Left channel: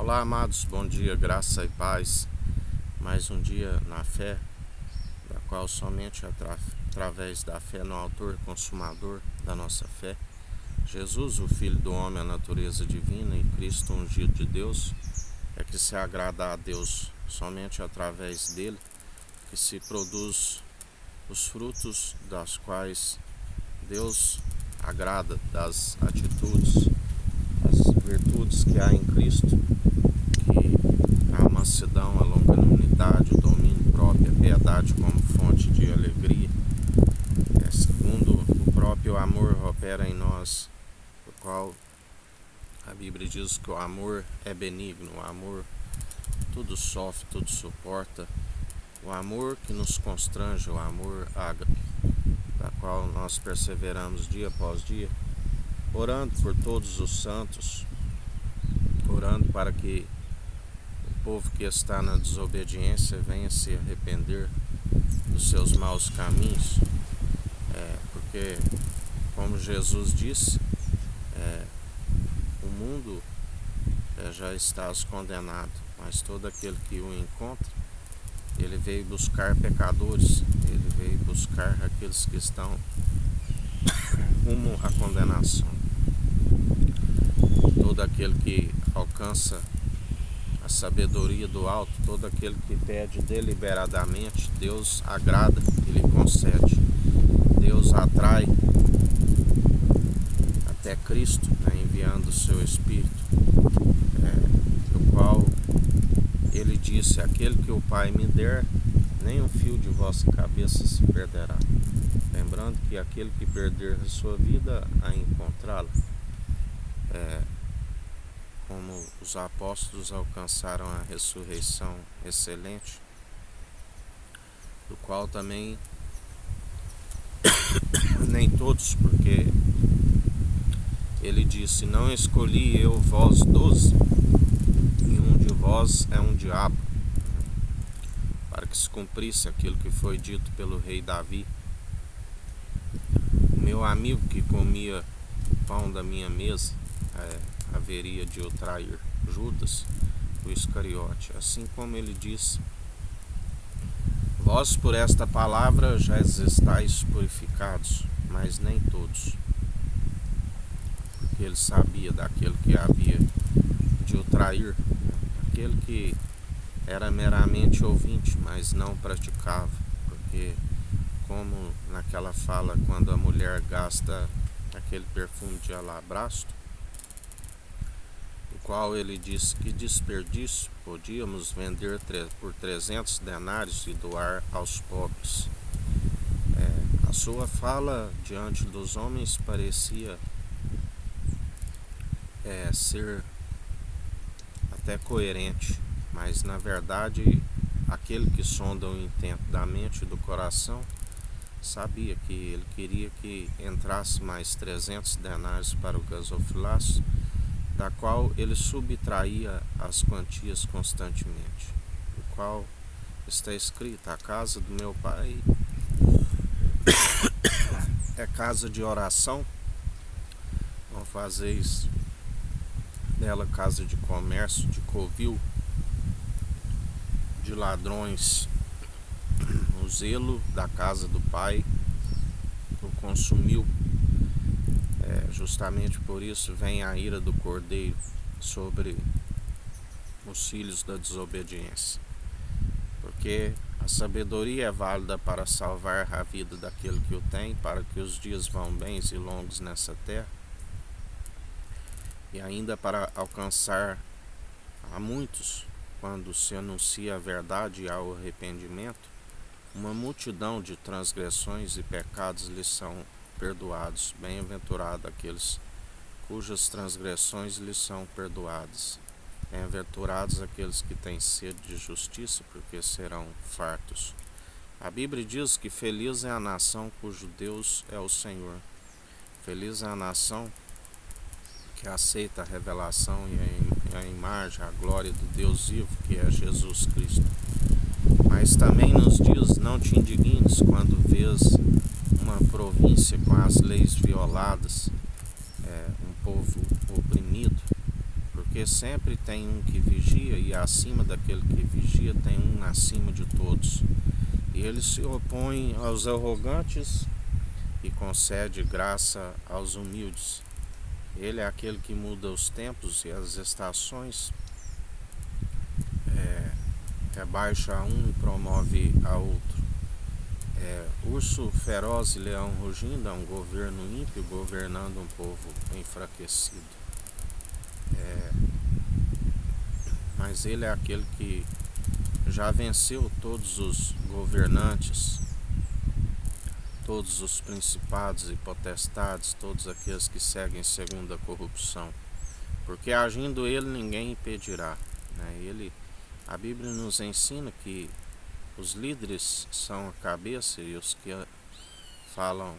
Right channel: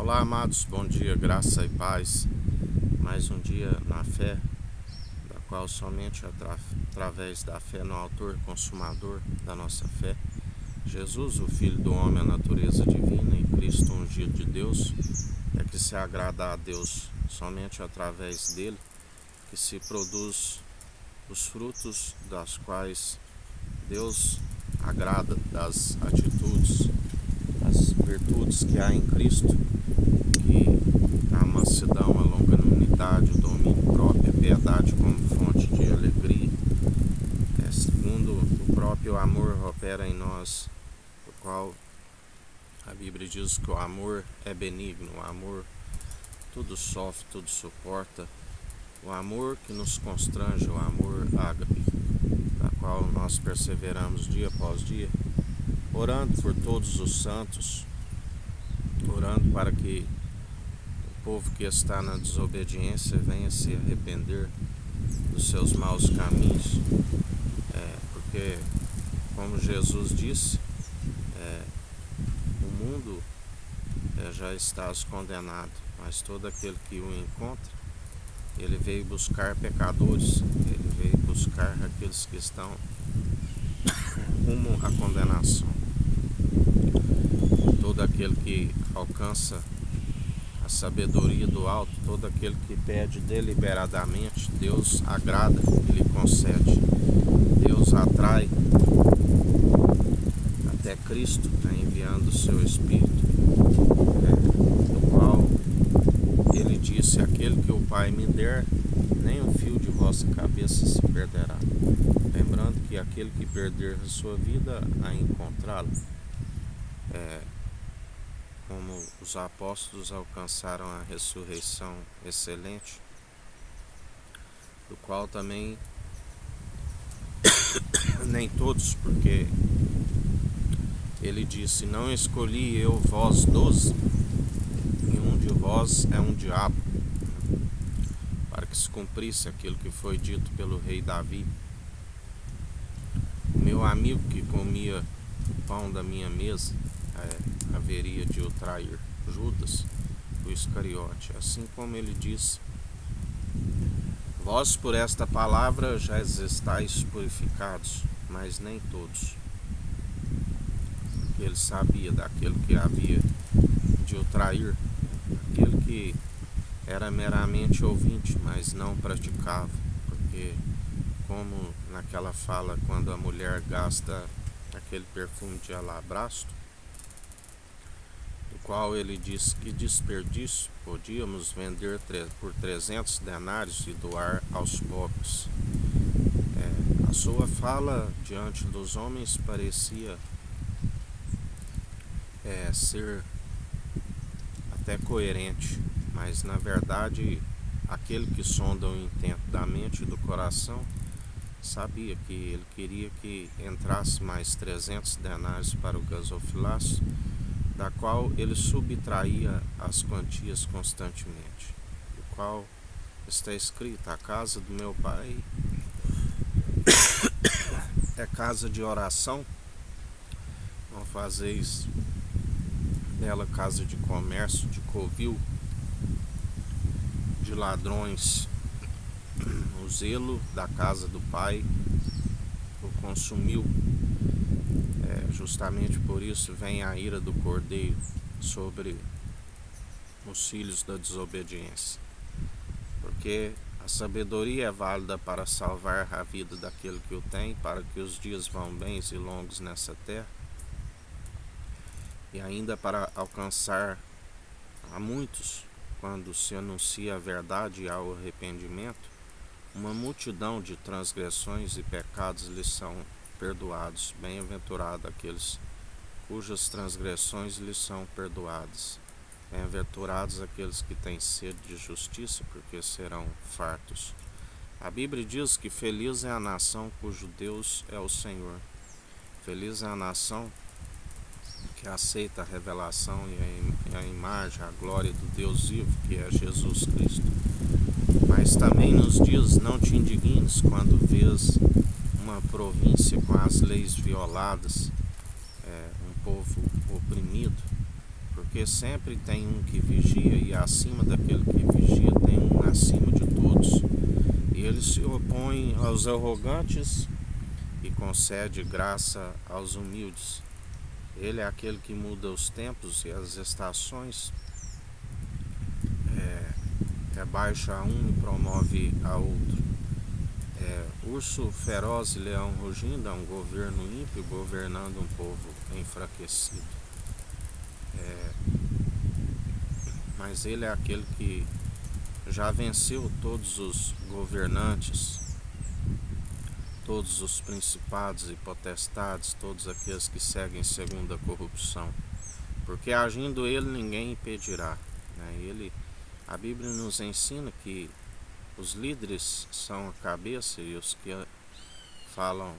Olá, amados, bom dia, graça e paz. Mais um dia na fé, da qual somente através da fé no autor e consumador da nossa fé, Jesus, o Filho do homem, a natureza divina, e Cristo, ungido de Deus, é que se agrada a Deus somente através dele, que se produz os frutos das quais Deus agrada, das atitudes, das virtudes que há em Cristo, que a mansidão, a longanimidade, o domínio próprio, a piedade como fonte de alegria, segundo o próprio amor opera em nós, o qual a Bíblia diz que o amor é benigno, o amor tudo sofre, tudo suporta, o amor que nos constrange, o amor ágape, da qual nós perseveramos dia após dia, orando por todos os santos, orando para que o povo que está na desobediência venha se arrepender dos seus maus caminhos, porque, como Jesus disse, o mundo já está condenado, mas todo aquele que o encontra, ele veio buscar pecadores, ele veio buscar aqueles que estão rumo à condenação. Todo aquele que alcança a sabedoria do alto, todo aquele que pede deliberadamente, Deus agrada e lhe concede. Deus atrai até Cristo, enviando o seu Espírito, do qual ele disse: aquele que o Pai me der, nem um fio de vossa cabeça se perderá. Lembrando que aquele que perder a sua vida, a encontrá-la. Como os apóstolos alcançaram a ressurreição excelente, do qual também nem todos, porque ele disse: não escolhi eu vós 12, e um de vós é um diabo, para que se cumprisse aquilo que foi dito pelo rei Davi: o meu amigo que comia o pão da minha mesa haveria de o trair, Judas, o Iscariote. Assim como ele disse: vós por esta palavra já estáis purificados, mas nem todos. Porque ele sabia daquele que havia de o trair, aquele que era meramente ouvinte, mas não praticava. Porque, como naquela fala, quando a mulher gasta aquele perfume de alabastro, do qual ele disse: que desperdício, podíamos vender por 300 denários e doar aos pobres. A sua fala diante dos homens parecia ser até coerente, mas na verdade aquele que sonda o intento da mente e do coração sabia que ele queria que entrasse mais 300 denários para o gasofilácio, da qual ele subtraía as quantias constantemente, do qual está escrito: a casa do meu pai é casa de oração, não fazeis dela casa de comércio, de covil, de ladrões. O zelo da casa do pai o consumiu. Justamente por isso vem a ira do Cordeiro sobre os filhos da desobediência, porque a sabedoria é válida para salvar a vida daquele que o tem, para que os dias vão bens e longos nessa terra, e ainda para alcançar a muitos, quando se anuncia a verdade e ao arrependimento, uma multidão de transgressões e pecados lhes são perdoados. Bem-aventurado aqueles cujas transgressões lhes são perdoadas. Bem-aventurados aqueles que têm sede de justiça, porque serão fartos. A Bíblia diz que feliz é a nação cujo Deus é o Senhor. Feliz é a nação que aceita a revelação e a imagem, a glória do Deus vivo, que é Jesus Cristo. Mas também nos diz: não te indignes quando vês uma província com as leis violadas, um povo oprimido, porque sempre tem um que vigia, e acima daquele que vigia tem um acima de todos. E ele se opõe aos arrogantes e concede graça aos humildes. Ele é aquele que muda os tempos e as estações, rebaixa a um e promove a outro. Urso feroz e leão rugindo é um governo ímpio governando um povo enfraquecido. Mas ele é aquele que já venceu todos os governantes, todos os principados e potestades, todos aqueles que seguem segundo a corrupção. Porque agindo ele, ninguém impedirá. A Bíblia nos ensina que os líderes são a cabeça e os que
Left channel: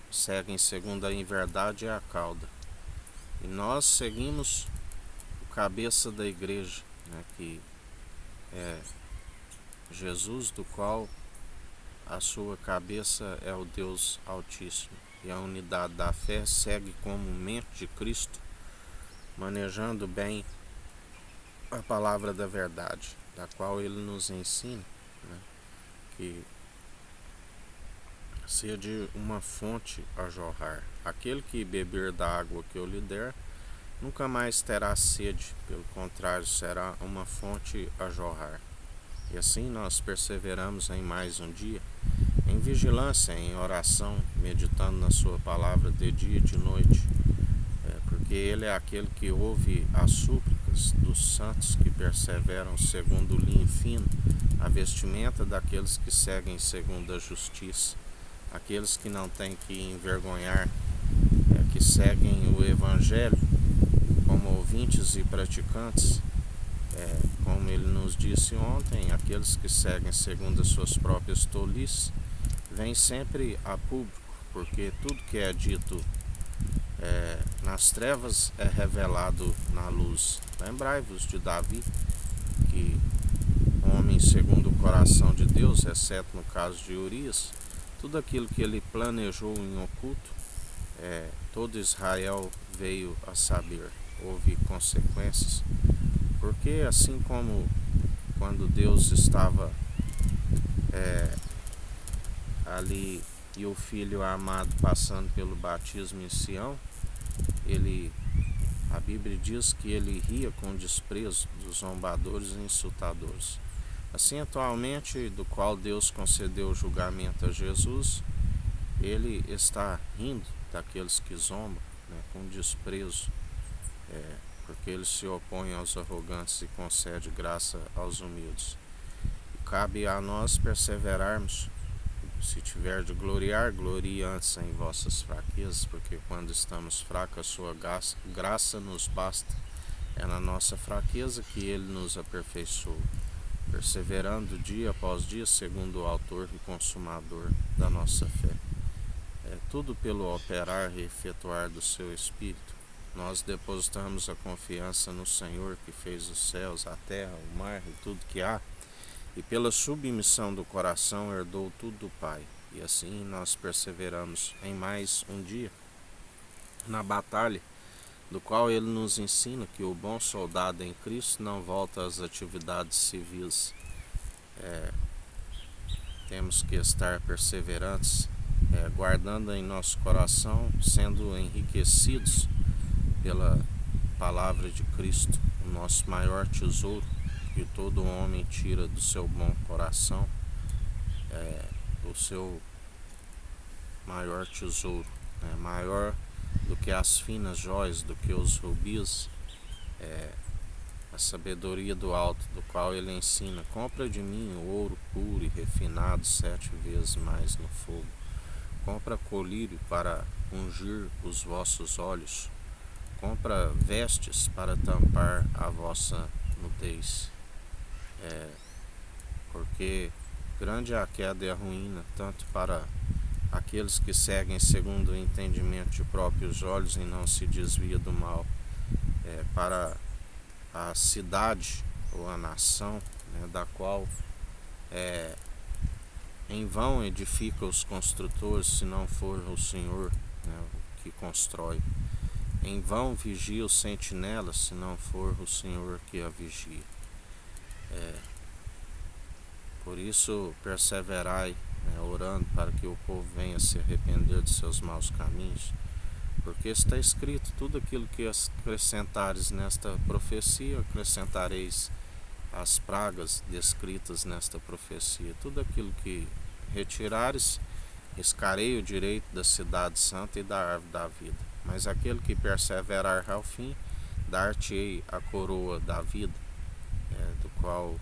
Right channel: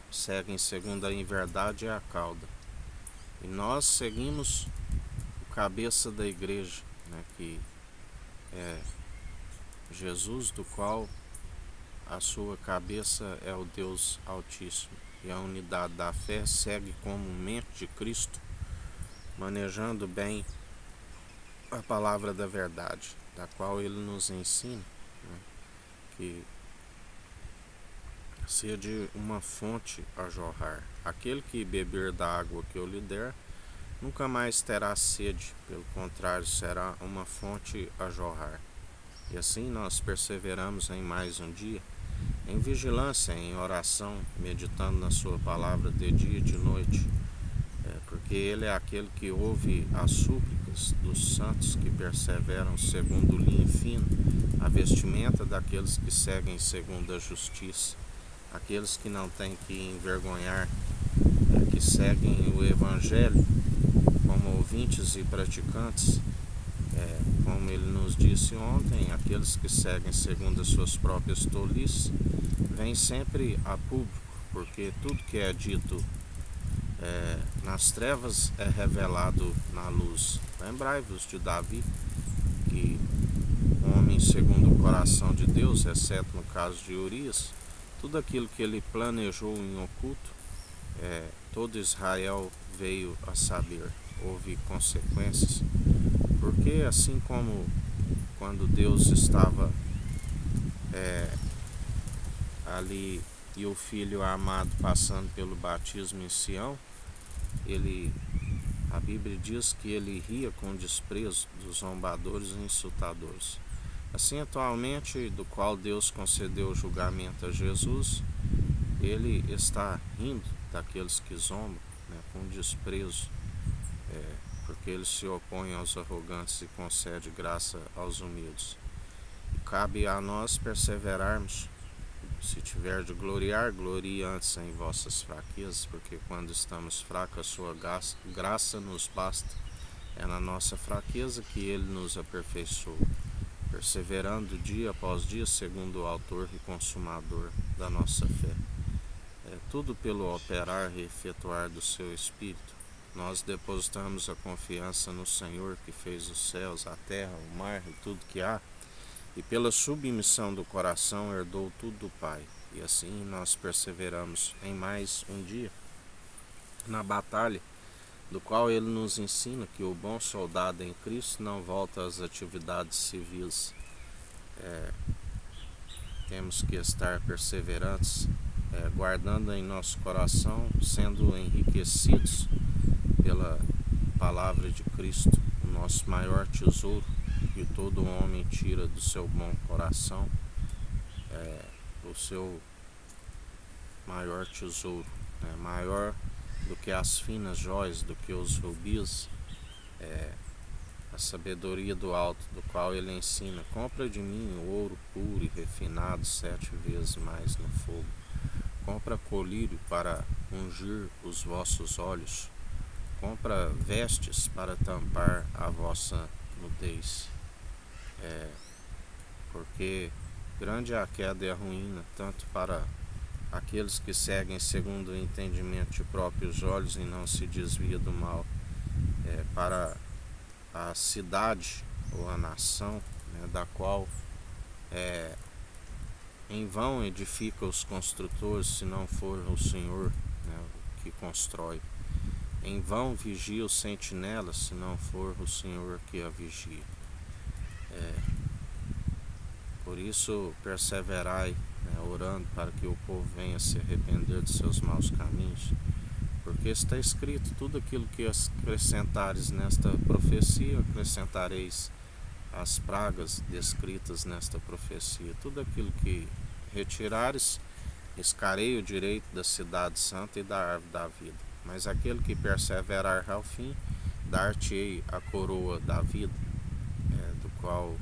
seguem segundo a inverdade é a cauda. E nós seguimos o cabeça da igreja, que é Jesus, do qual a sua cabeça é o Deus Altíssimo. E a unidade da fé segue como mente de Cristo, manejando bem a palavra da verdade, da qual ele nos ensina, que seja uma fonte a jorrar. Aquele que beber da água que eu lhe der, nunca mais terá sede, pelo contrário, será uma fonte a jorrar. E assim nós perseveramos em mais um dia, em vigilância, em oração, meditando na sua palavra de dia e de noite, porque ele é aquele que ouve as súplicas dos santos que perseveram segundo o linho fino, a vestimenta daqueles que seguem segundo a justiça, aqueles que não têm que envergonhar, que seguem o evangelho como ouvintes e praticantes, como ele nos disse ontem, aqueles que seguem segundo as suas próprias tolices, vêm sempre a público, porque tudo que é dito nas trevas é revelado na luz. Lembrai-vos de Davi, que homem segundo o coração de Deus, exceto no caso de Urias, tudo aquilo que ele planejou em oculto, todo Israel veio a saber. Houve consequências, porque assim como quando Deus estava ali e o Filho amado passando pelo batismo em Sião, a Bíblia diz que ele ria com desprezo dos zombadores e insultadores. Assim, atualmente, do qual Deus concedeu o julgamento a Jesus, ele está rindo daqueles que zombam, com desprezo, porque ele se opõe aos arrogantes e concede graça aos humildes. E cabe a nós perseverarmos. Se tiver de gloriar, glorie antes em vossas fraquezas, porque quando estamos fracos, a sua graça nos basta. É na nossa fraqueza que ele nos aperfeiçoa, perseverando dia após dia, segundo o autor e consumador da nossa fé. Tudo pelo operar e efetuar do seu Espírito. Nós depositamos a confiança no Senhor, que fez os céus, a terra, o mar e tudo que há, e pela submissão do coração herdou tudo do Pai. E assim nós perseveramos em mais um dia na batalha, do qual ele nos ensina que o bom soldado em Cristo não volta às atividades civis. Temos que estar perseverantes, guardando em nosso coração, sendo enriquecidos pela palavra de Cristo, o nosso maior tesouro, que todo homem tira do seu bom coração, o seu maior tesouro, maior do que as finas joias, do que os rubis, a sabedoria do alto, do qual ele ensina: compra de mim o ouro puro e refinado 7 vezes mais no fogo, compra colírio para ungir os vossos olhos, compra vestes para tampar a vossa nudez, porque grande é a queda e a ruína, tanto para aqueles que seguem segundo o entendimento de próprios olhos e não se desvia do mal, para a cidade ou a nação, da qual em vão edifica os construtores, se não for o Senhor, o que constrói. Em vão vigia o sentinela, se não for o Senhor que a vigia. Por isso perseverai, orando para que o povo venha se arrepender de seus maus caminhos, porque está escrito: tudo aquilo que acrescentares nesta profecia, acrescentareis as pragas descritas nesta profecia. Tudo aquilo que retirares, riscarei o direito da cidade santa e da árvore da vida. Mas aquele que perseverar ao fim, dar-te-ei a coroa da vida, do qual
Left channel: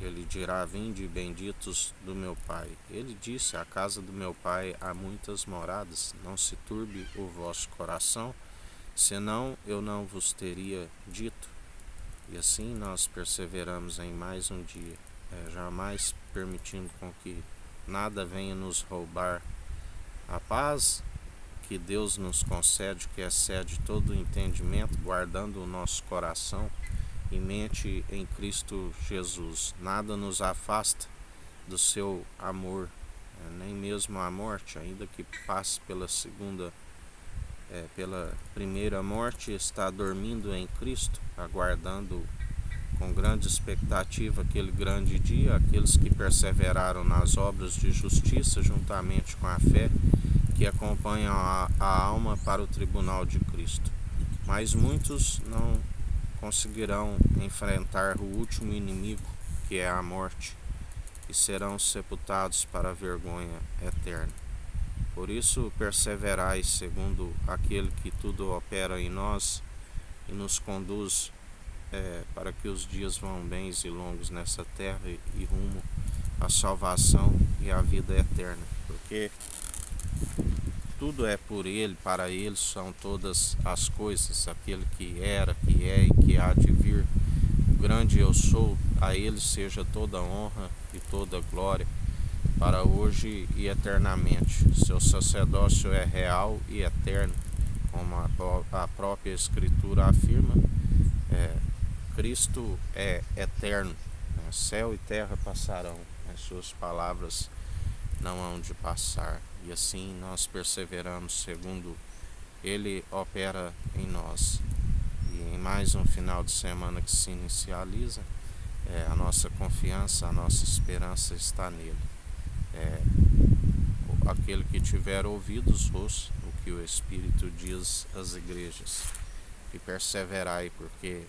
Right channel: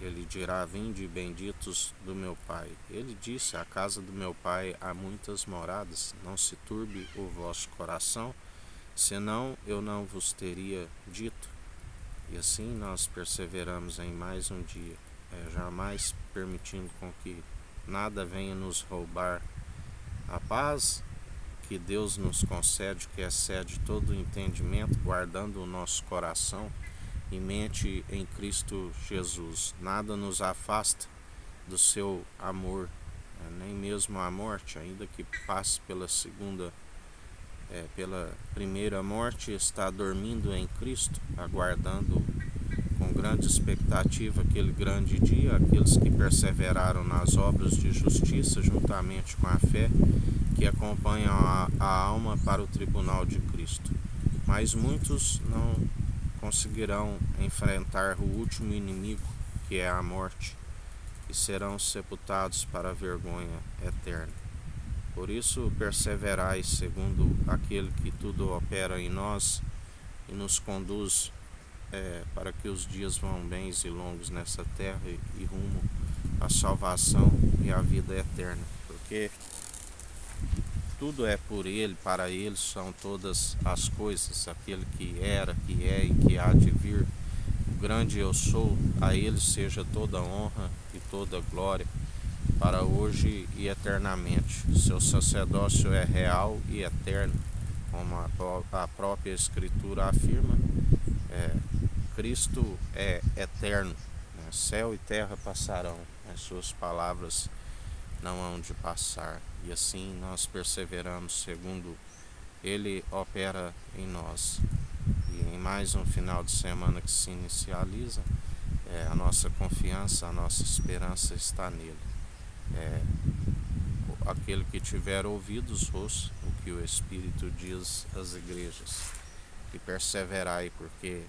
ele dirá: vinde, benditos do meu Pai. Ele disse: a casa do meu Pai há muitas moradas, não se turbe o vosso coração, senão eu não vos teria dito. E assim nós perseveramos em mais um dia, jamais permitindo com que nada venha nos roubar a paz que Deus nos concede, que excede todo o entendimento, guardando o nosso coração e mente em Cristo Jesus. Nada nos afasta do seu amor, nem mesmo a morte, ainda que passe pela primeira morte, está dormindo em Cristo, aguardando com grande expectativa aquele grande dia, aqueles que perseveraram nas obras de justiça, juntamente com a fé, que acompanham a alma para o tribunal de Cristo. Mas muitos não conseguirão enfrentar o último inimigo, que é a morte, e serão sepultados para a vergonha eterna. Por isso perseverai segundo aquele que tudo opera em nós e nos conduz para que os dias vão bens e longos nessa terra e rumo à salvação e à vida eterna, porque tudo é por Ele, para Ele são todas as coisas, aquele que era, que é e que há de vir, o grande eu sou, a Ele seja toda honra e toda glória, para hoje e eternamente. Seu sacerdócio é real e eterno, como a própria Escritura afirma. Cristo é eterno, céu e terra passarão, as suas palavras não hão de passar, e assim nós perseveramos segundo Ele opera em nós. E em mais um final de semana que se inicializa, a nossa confiança, a nossa esperança está nele. Aquele que tiver ouvidos, ouça o que o Espírito diz às igrejas, e perseverai, porque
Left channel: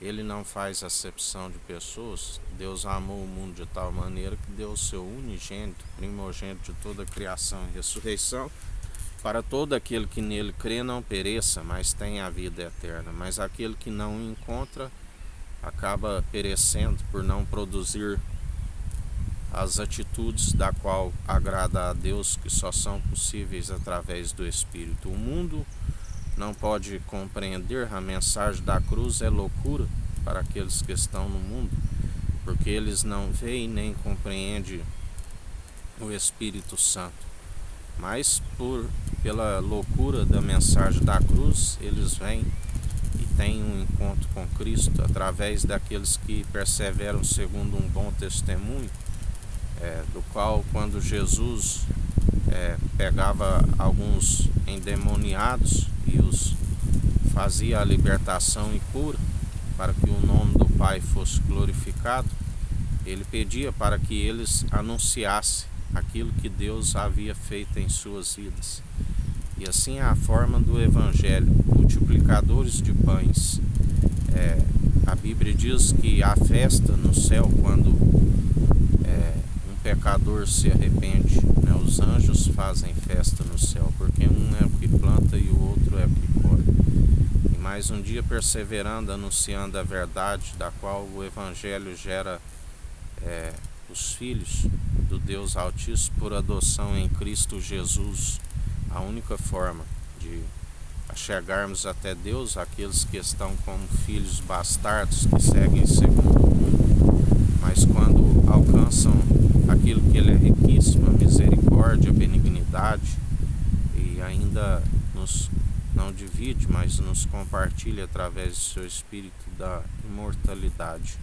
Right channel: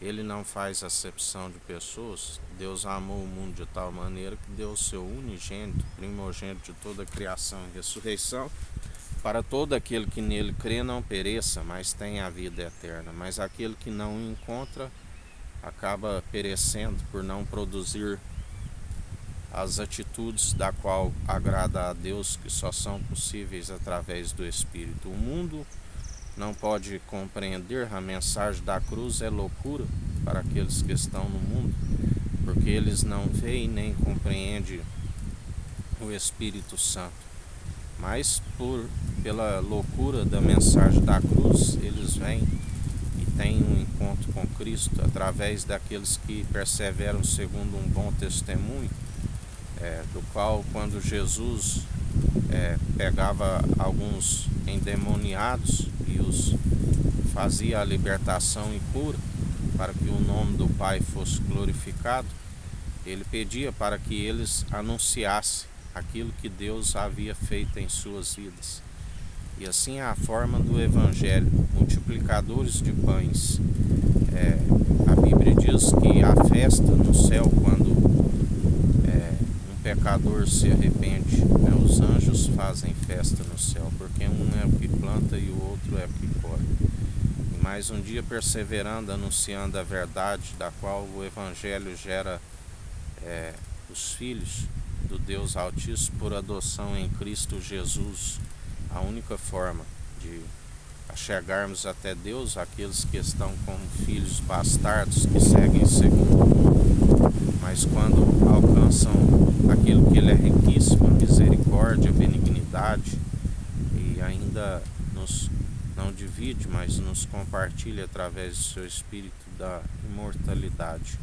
Ele não faz acepção de pessoas. Deus amou o mundo de tal maneira que deu o seu unigênito, primogênito de toda a criação e ressurreição, para todo aquele que nele crê não pereça, mas tenha a vida eterna. Mas aquele que não o encontra acaba perecendo por não produzir as atitudes da qual agrada a Deus, que só são possíveis através do Espírito. O mundo não pode compreender, a mensagem da cruz é loucura para aqueles que estão no mundo, porque eles não veem nem compreendem o Espírito Santo. Mas pela loucura da mensagem da cruz, eles vêm e têm um encontro com Cristo através daqueles que perseveram segundo um bom testemunho, do qual, quando Jesus pegava alguns endemoniados e os fazia a libertação e cura, para que o nome do Pai fosse glorificado, ele pedia para que eles anunciassem aquilo que Deus havia feito em suas vidas. E assim é a forma do Evangelho, multiplicadores de pães. A Bíblia diz que há festa no céu quando um pecador se arrepende, os anjos fazem festa no céu, porque um é o que planta e o outro é o que colhe. E mais um dia perseverando, anunciando a verdade, da qual o Evangelho gera os filhos do Deus Altíssimo por adoção em Cristo Jesus, a única forma de chegarmos até Deus, aqueles que estão como filhos bastardos, que seguem segundo o mundo, mas quando alcançam aquilo que Ele é riquíssimo, a misericórdia, a benignidade, e ainda nos não divide, mas nos compartilha através do seu Espírito da imortalidade.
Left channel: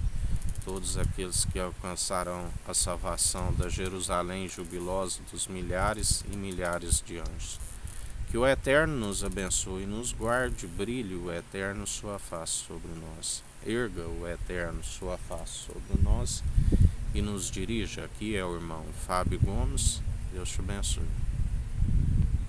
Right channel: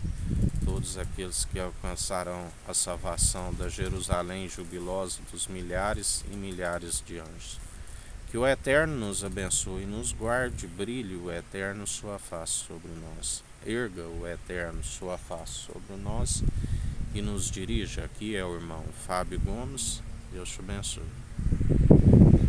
Todos aqueles que alcançarão a salvação da Jerusalém jubilosa dos milhares e milhares de anjos. Que Que o Eterno nos abençoe e nos guarde, brilhe o Eterno sua face sobre nós. Erga o Eterno sua face sobre nós e nos dirija. Aqui é o irmão Fábio Gomes. Deus te abençoe.